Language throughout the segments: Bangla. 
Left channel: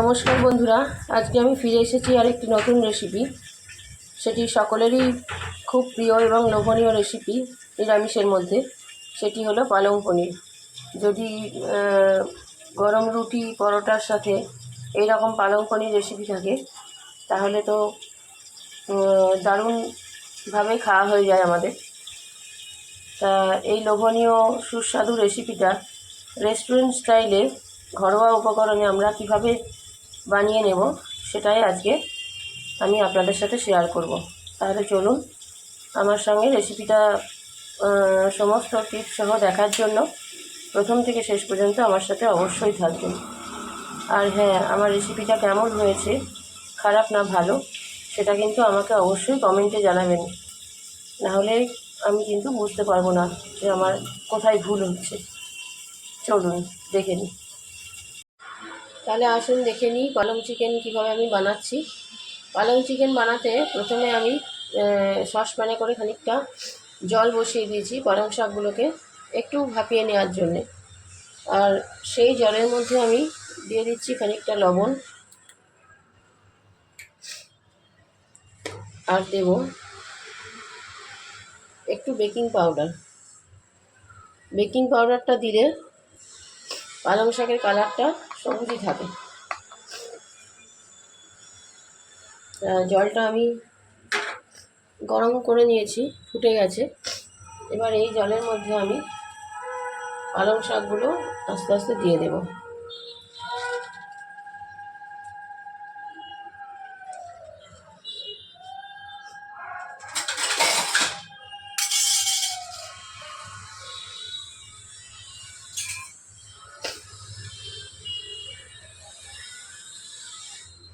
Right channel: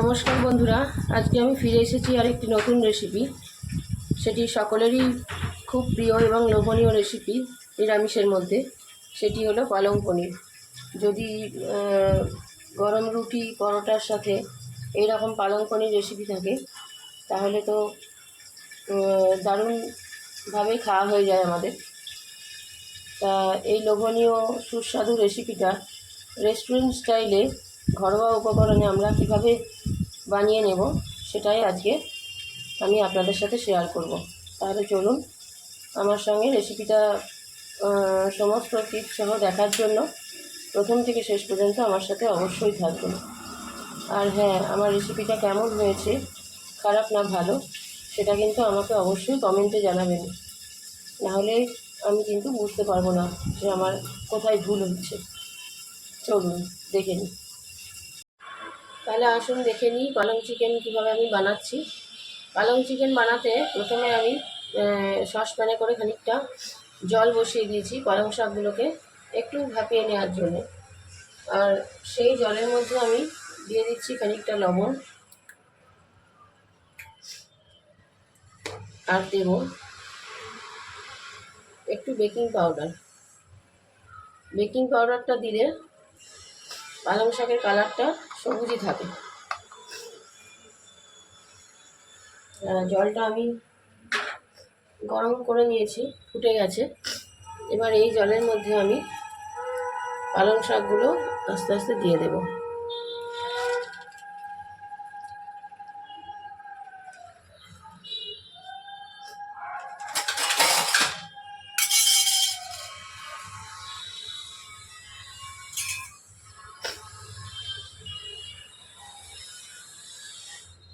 নমস্কার বন্ধুরা, আজকে আমি ফিরে এসেছি আর একটি নতুন রেসিপি সেটি সকলেরই খুব প্রিয় এবং লোভনীয় রেসিপি নিরামিষের মধ্যে। সেটি হলো পালং পনির। যদি গরম রুটি, পরোটার সাথে এই রকম পালং পনির রেসিপি থাকে, তাহলে তো দারুণভাবে খাওয়া হয়ে যায় আমাদের। তা এই লোভনীয়, সুস্বাদু রেসিপিটা রেস্টুরেন্ট স্টাইলে ঘরোয়া উপকরণে আমরা কীভাবে বানিয়ে নেব, সেটাই আজকে আমি আপনাদের সাথে শেয়ার করব। তাহলে চলুন আমার সঙ্গে রেসিপিটা সমস্ত টিপস সহ দেখার জন্য প্রথম থেকে শেষ পর্যন্ত আমার সাথে অবশ্যই থাকবেন। আর হ্যাঁ আমার রেসিপিটা কেমন হয়েছে, খারাপ না ভালো, সেটা কিন্তু আমাকে অবশ্যই কমেন্টে জানাবেন। নাহলে আমি কিন্তু বুঝতে পারব না যে আমার কোথায় ভুল হচ্ছে। চলুন, দেখে নিই। তাহলে আসুন দেখে নিই পালং চিকেন কীভাবে আমি বানাচ্ছি। পালং চিকেন বানাতে প্রথমে আমি সসপ্যানে করে খানিকটা জল বসিয়ে দিয়েছি পালং শাকগুলোকে একটু ভাপিয়ে নেওয়ার জন্যে। আর সেই জলের মধ্যে আমি দিয়ে দিচ্ছি খানিকটা লবণ। আর দেব একটু বেকিং পাউডার। বেকিং পাউডারটা দিলে পালং শাকের কালারটা সবুজই থাকে। জলটা আমি গরম করে নিয়েছি, ফুটে গেছে। এবার এই জলের মধ্যে আমি পালং শাকগুলো আস্তে আস্তে দিয়ে দেব।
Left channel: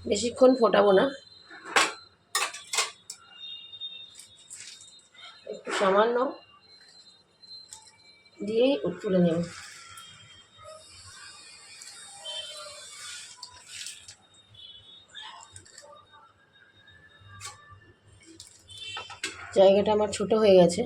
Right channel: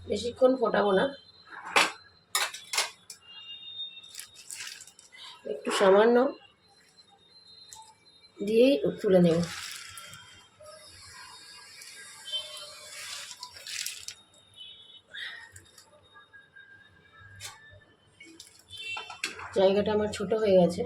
বেশিক্ষণ ফোটাবো না। একটু সামান্য দিয়েই তুলে নেব। জায়গাটা আমার ছোট হয়ে গেছে।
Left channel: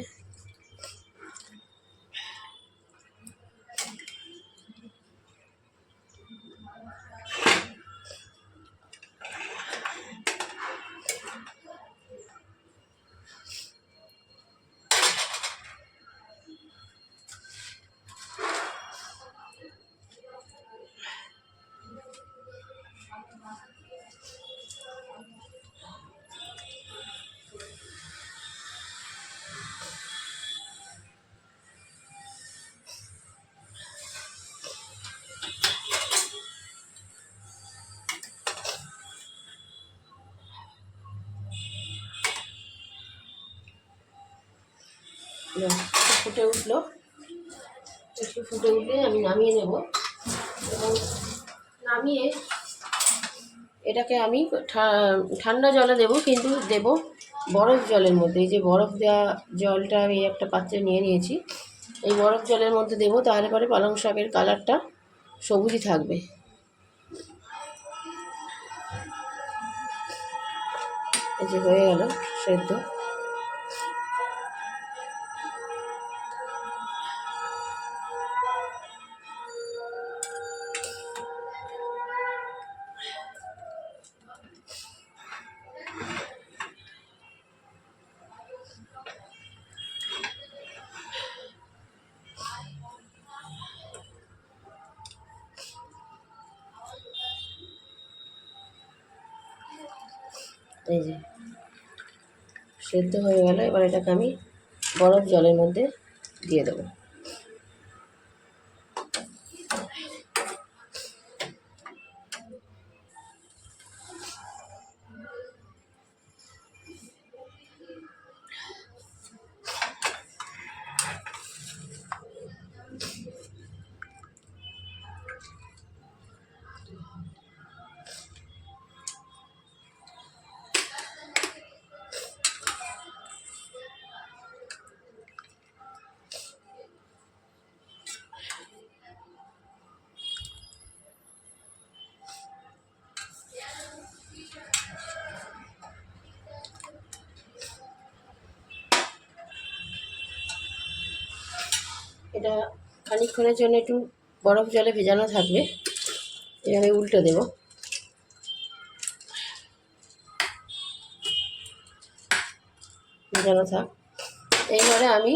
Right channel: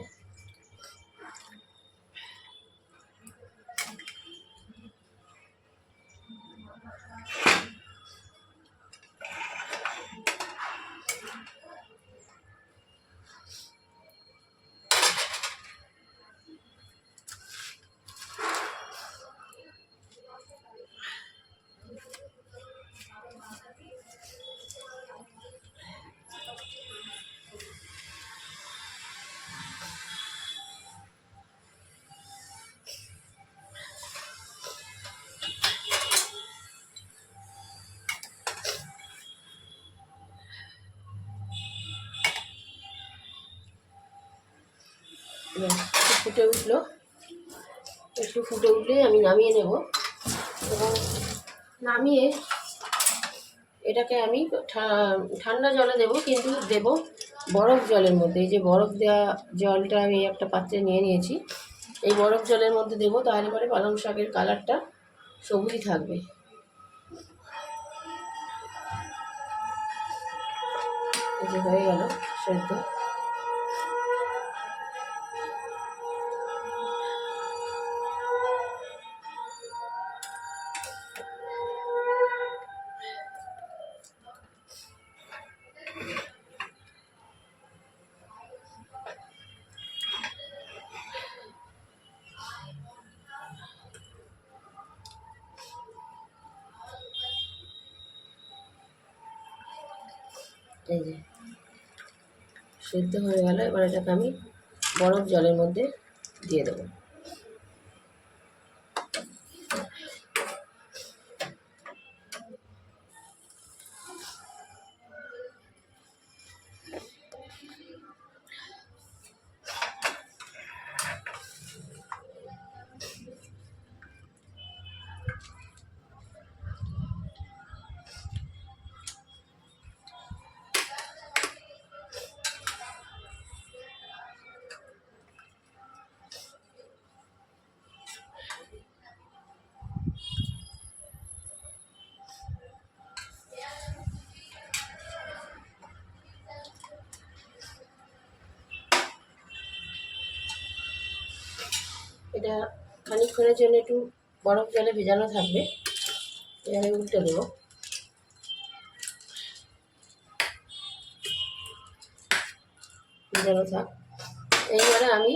ফুটে উঠল। একটু ফুটে উঠলে আমি নামিয়ে নেব। এবং নামিয়ে এটাকে আমি ঠান্ডা জলে দেব, কিন্তু দেব বরফ জলের মধ্যে। এই যে বরফ দেওয়া জলটা আমি একটা পাত্রে নিয়ে নিয়েছি। এই বরফ জলের মধ্যে দেব, তাহলে পরে পালং শাকের কালারটা সবুজই থাকবে। এই যে হয়ে গেল সেদ্ধ। এই যে সেদ্ধ হয়ে গেল। এবার এটাকে আমি বরফ জলের মধ্যে দিয়ে দেবো। এটা খানিকক্ষণের জন্য একটু বরফ জলে ভেজানো থাকবে। এভাবে উল্টে দেব। ভেজানো থাক। এইবারে আমি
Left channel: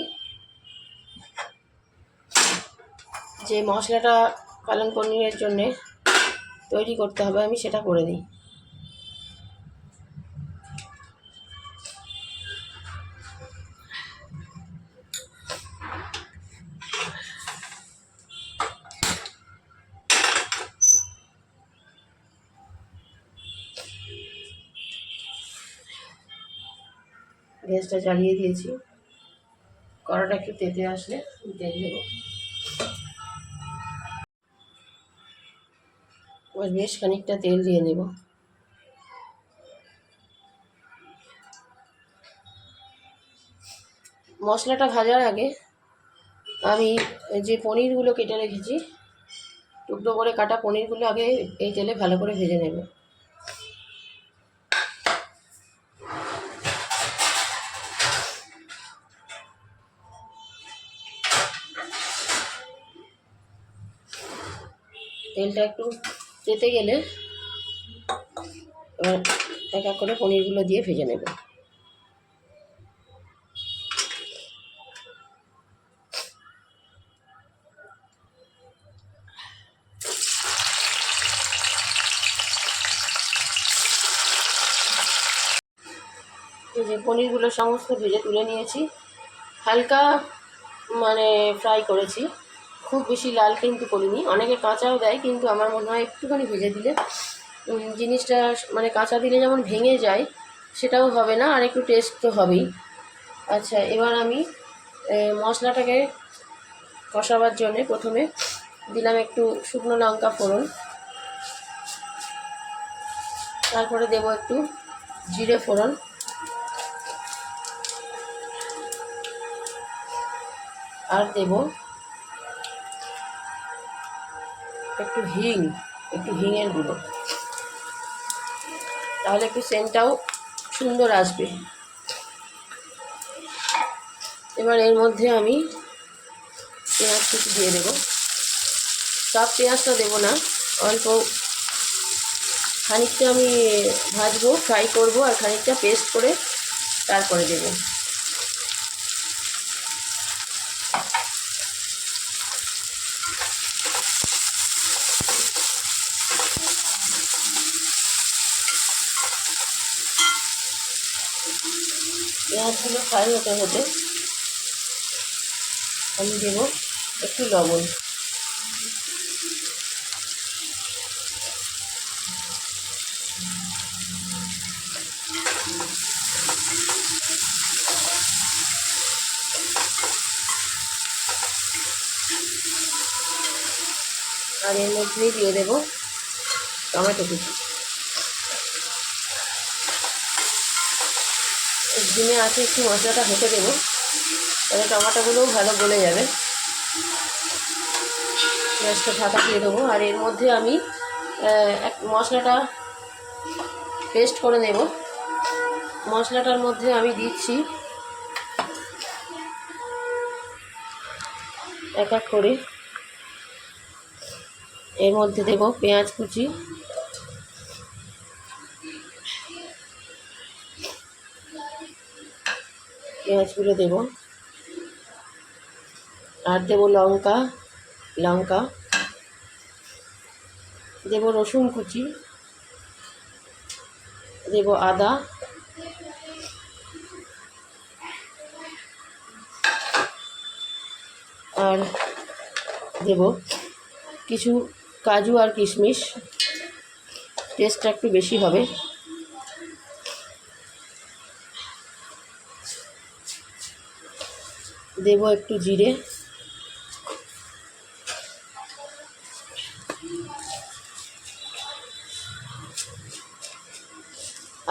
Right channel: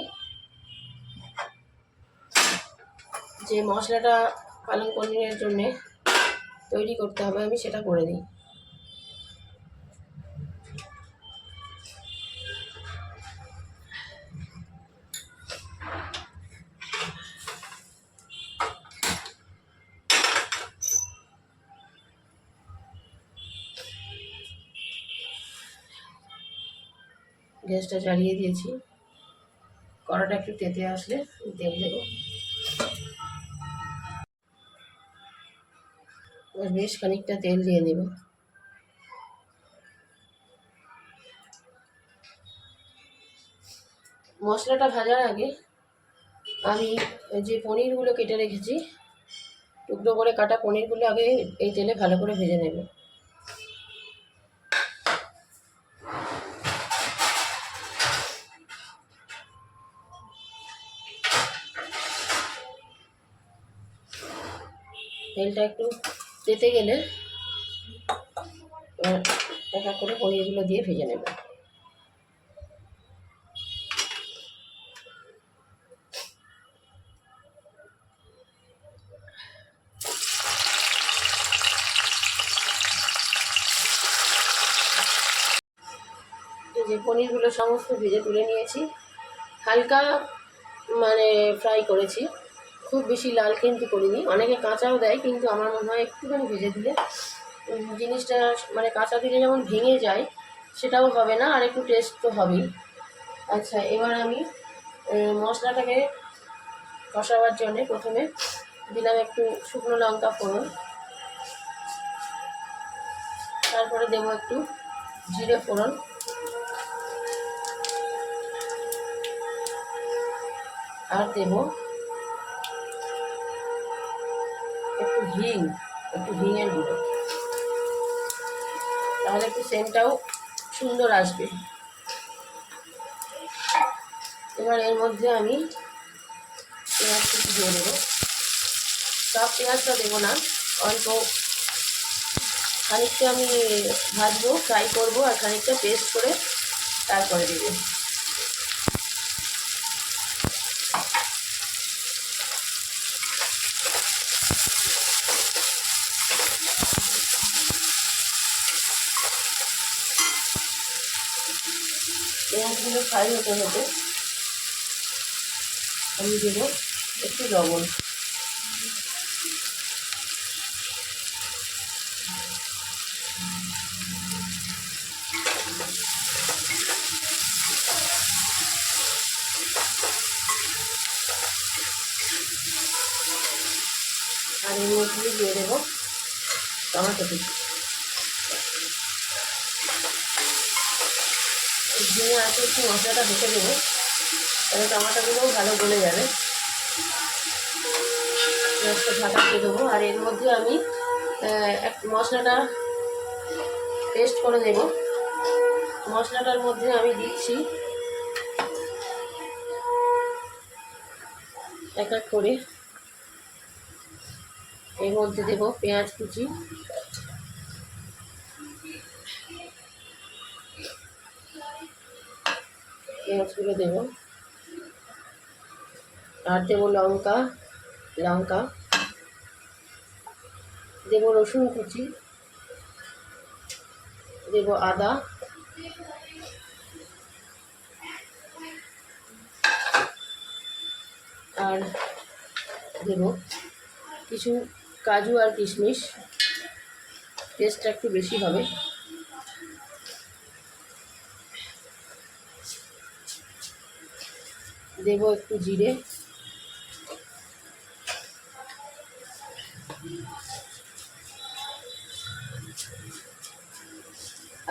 যে মশলাটা পালং পনিরের জন্যে তৈরি করতে হবে, আমি সেটা করে দিই। গ্যাসটা জ্বালিয়ে দিয়েছি। কড়াটা একটু তেতে আসলে তেল দেবো। এবার বেশ খানিকটা তেল দিয়ে নেব। মশলাটা ভাজার আগে আমি যে পনিরগুলো কেটে রেখেছি, টুকরো করে কাটা পনিরগুলো আগে এই তেলে ভালো করে ভেজে নেব। তেলটা একটু তেতে গেলে এক এক করে পনিরগুলো দিয়ে ভেজে নেব। যে পনিরগুলো সমস্ত ভেজে তুলে নিয়েছি। হালকা মানে ফ্রাই করেছি। খুব বেশি লাল কিন্তু করিনি। অনেকে কাঁচাও দেয় কিন্তু আমার মনে হয় একটুখানি ভেজে দিলে জিনিসটা মানে কাঁচা দিলে যেমন ভেঙে যায়, সেটাও হবে না, আর একটু টেস্ট তো হবেই। আচ্ছা এবার আমি মশলাটাকে কষাবার জন্যে প্রথমে দিলাম একটু শুকনো লঙ্কা ফোড়ন। তারপরে দেবো একটু জিরে ফোড়ন। আর দেবো হিং, একটু হিঙের গুঁড়ো। তাহলে একটু সেন্টটাও সুন্দর আসবে। এবার এর মধ্যে আমি পেঁয়াজ কুচি দিয়ে দেবো। সব পেঁয়াজটা দেবো না, অল্প খানিকটা আমি ভাজবো ফ্রাই করব আর খানিকটা পেস্ট করে তারপরে দেবো। পেঁয়াজগুলো ফ্রাই হতে হতে আমি দেবো একটু লবণ আর এর মধ্যেই দিয়ে দেবো টমেটো কুচি ডিমে আছে, একটু মশলাটা হতে দেবো তাহলে টমাটোগুলোও ভালো গলে যাবে। গ্যাসটা ঢাকা দিয়ে দেবো। আর এর মধ্যে আমি এক মশলাটা পেস্ট করে দেব মশলাটার মধ্যে আমি দিচ্ছি এক এক করে। এর মধ্যে দেব পেঁয়াজ কুচি পেঁয়াজগুলো দেব। আর দেব লঙ্কা লঙ্কা। দেব রসুন কুচি। দেব আদা। আর দেব কিছু কাজু আর কিশমিশ। টেস্টটা একটু বেশি হবে। দেব একটু জিরে।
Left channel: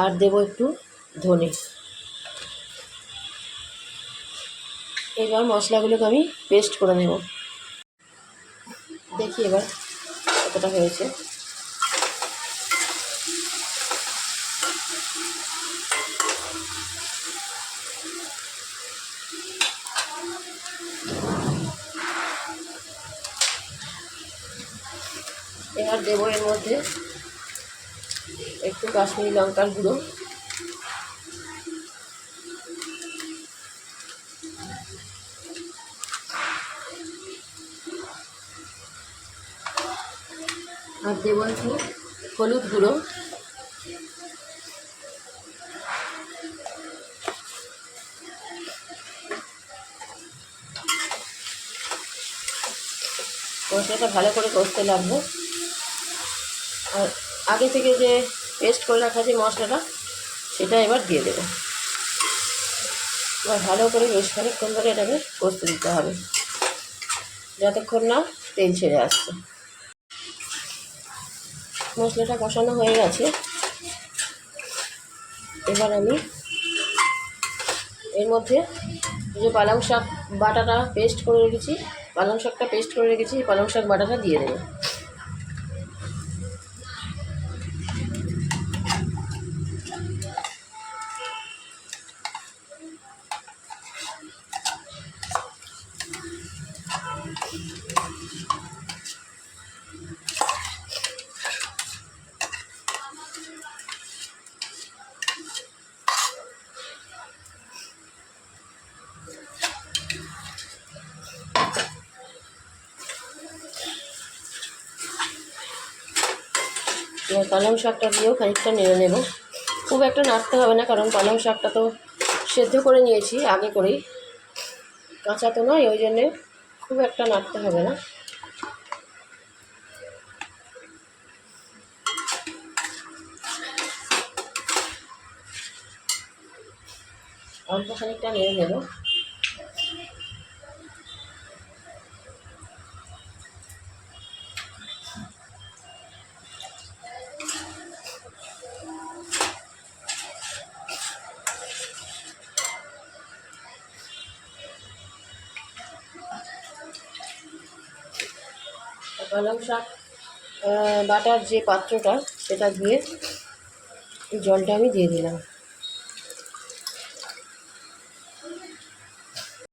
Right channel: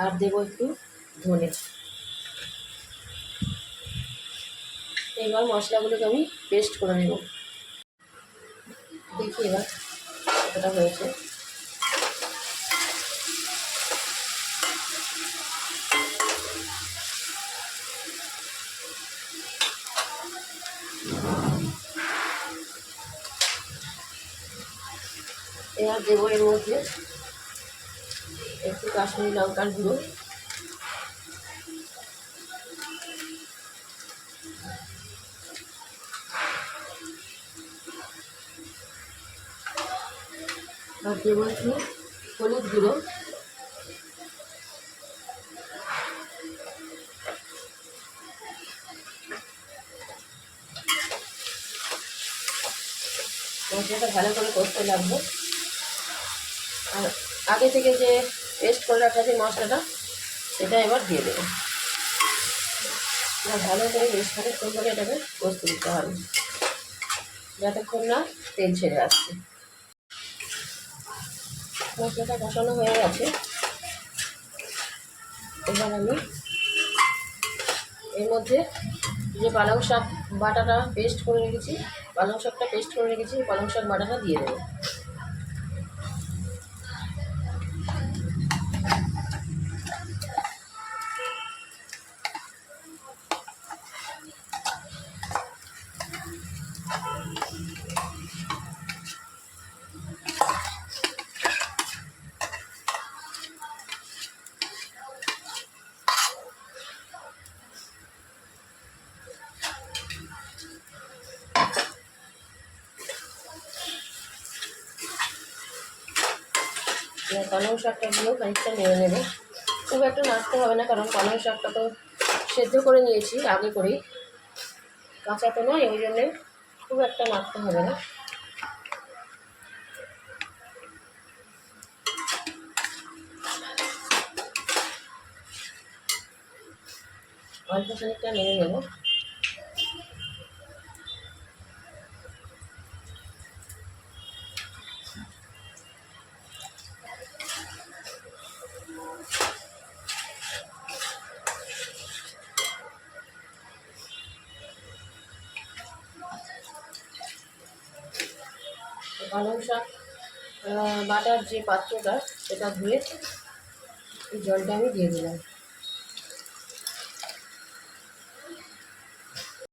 আর দেব একটু ধনে। এবার মশলাগুলোকে আমি পেস্ট করে নেব। দেখি এবার কতটা হয়েছে। দেবো এর মধ্যে। একটু কাশ্মীরি লঙ্কার গুঁড়ো। আর দেবো একটু হলুদ গুঁড়ো। মশলাটা ভালো করে কষতে লাগবে। আর আগে থেকে যে পেস্ট করে রাখা যে মশলাটা, সেটা এবার দিয়ে দেবো। এবার ভালো করে বেশ খানিকক্ষণ করে এটাকে কষতে দিতে হবে, যতক্ষণ না তেল ছেড়ে আসছে। মশলাটা কষানো হয়ে গেছে। এবার আমি এর মধ্যে যে পালং শাক বাটাটা পেস্ট করে রেখেছি, পালং শাকটা পেস্ট করে রেখেছি পালং শাক বাটাটা দিয়ে দেবো। পালং শাকটা দিয়েও খানিকটা নেড়ে নেব। খুব একটা নাড়তে হবে না, কারণ পালং শাকটা তো সেদ্ধ করে নিয়েছি আগে করেই। কাঁচা তো নয়, ওই জন্যে খুব একটা নাড়তে হবে না। অল্প খানিকটা নেড়ে নেব। পালং শাক বাটার যে পাত্রটা সেটা ধুয়ে এই জলটা আমি দিয়ে দিলাম।